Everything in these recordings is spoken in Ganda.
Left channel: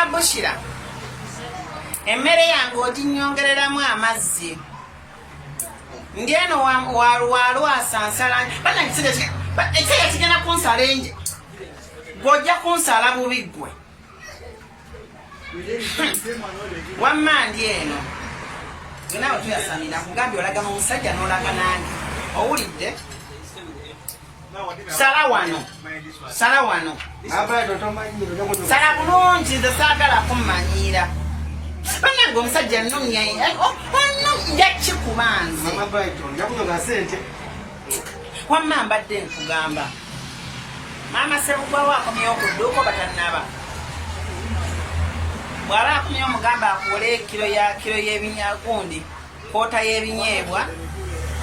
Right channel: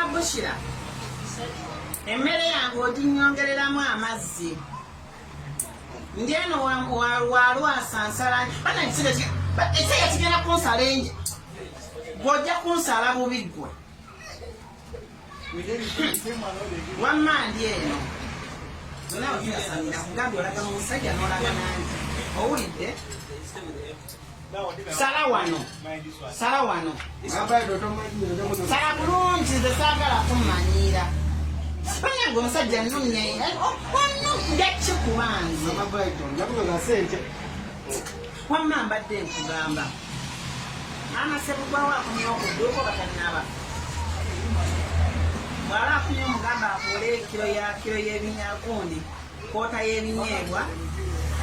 mama Bushira emmere yange oginyongereramu amazzi ngeno walwasa nsala bana ekisega kigenda kunsala enje gwojja kunsala bubi ggwe wamma ndi eno genawe tuyasamira kugambye olaga mu musajja n'olaga nange owulidde sala wano sala bulungi nze saagala kummanyiira banange omusajja nnumya jakikubanze wamma mbadde nkugamba maama Sebugwawo akomyewo ku dduuka batannaba bw'aba akomyewo mugamba akuwole kiro y'ebinyagundi koota y'ebinyeebwa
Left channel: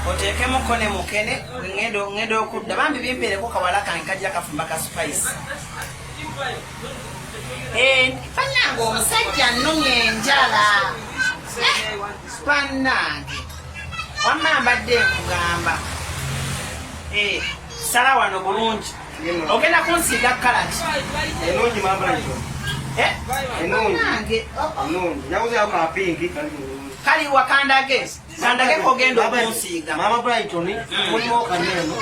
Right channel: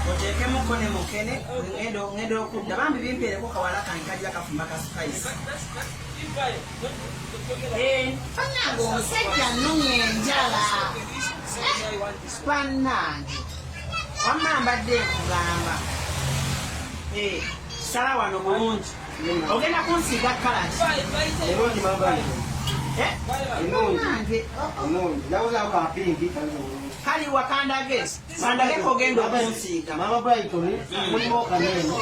oteekemuko ne mukene ngenda okudda bambi bimpeereko kawala kange kajja kafumba ka spice bannange omusajja nnumya enjala bannange wamma mbadde nkugamba sala wano bulungi ogenda kunsiiga kalaki enungi mambaito enungi njakuzayo kapingi kali wakandage kogenda okunsiiga mama Brighton mulimu kaneno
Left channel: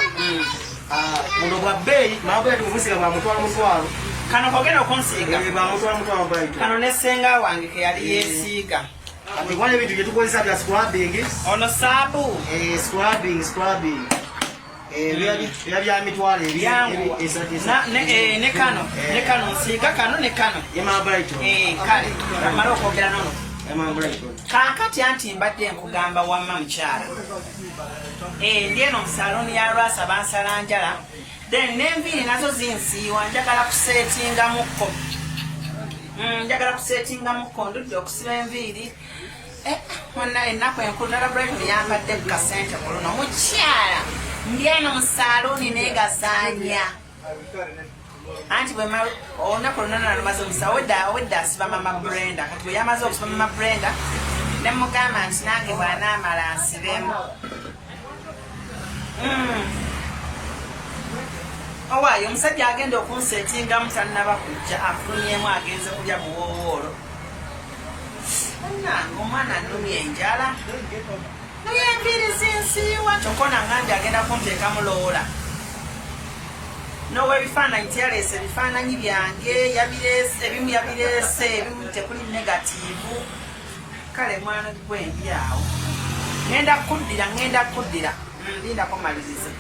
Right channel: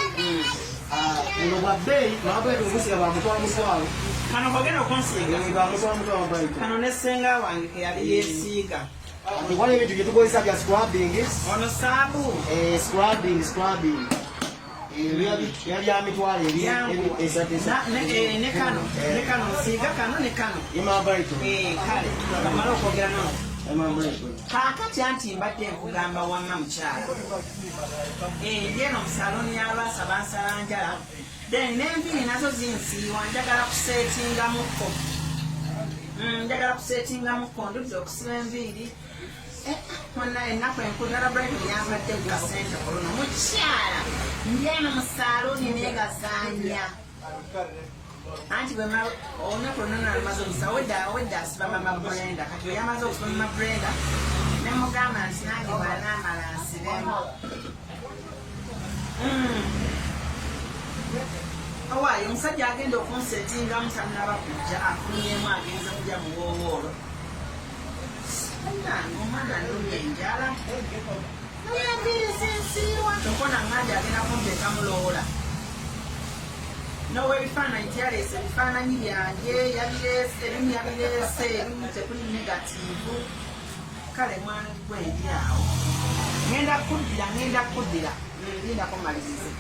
muno bwa bbeeyi mama Brighton okunsiiga bwamutwala mutwalo kano kogenda okunsiiga bwamutwala mutwalo Brighton kano ne ssenga wange keyali yeesiiga ati wali ebintu bye tukozesa bya scrubbing ono saabu scrubbing bya mitwalo ne kano nsiiga kano ne kano mama Brighton kale amala okwogera nono kaakati anti mbadde nkugamba wamma mukyala ndi eno mu saloni ya Lwasa bansala njala then n'enviiri nazo zinsiiwa njagala kuseetingamukko ndudde okusiba enviiri monna ennaku enkulu nala Brighton yampadde ku kasente oluno mukyala ndi eno mu saloni neegasaanya anti olunaku lunana lumaze omusa owedda asiba mama Brenda kati bwe yamaze okusiba mama Brenda ne mugamba nti nange bw'anaamala nsibemu owaayo omusajja agenda okunseetingamu tannaba kujja afulunyemu agenze kulya buwoowoolo nange omwana nnumya enjala naye enviiri zinsiiwa tokona ngambye agenda kunteekamu loola nowa ebifaananyi tiyaleese ebifaananyi byange ebimu yabireese ebimu tekuli negatiivu kale mwana gwendi awo ngenda kuddira lindako malirize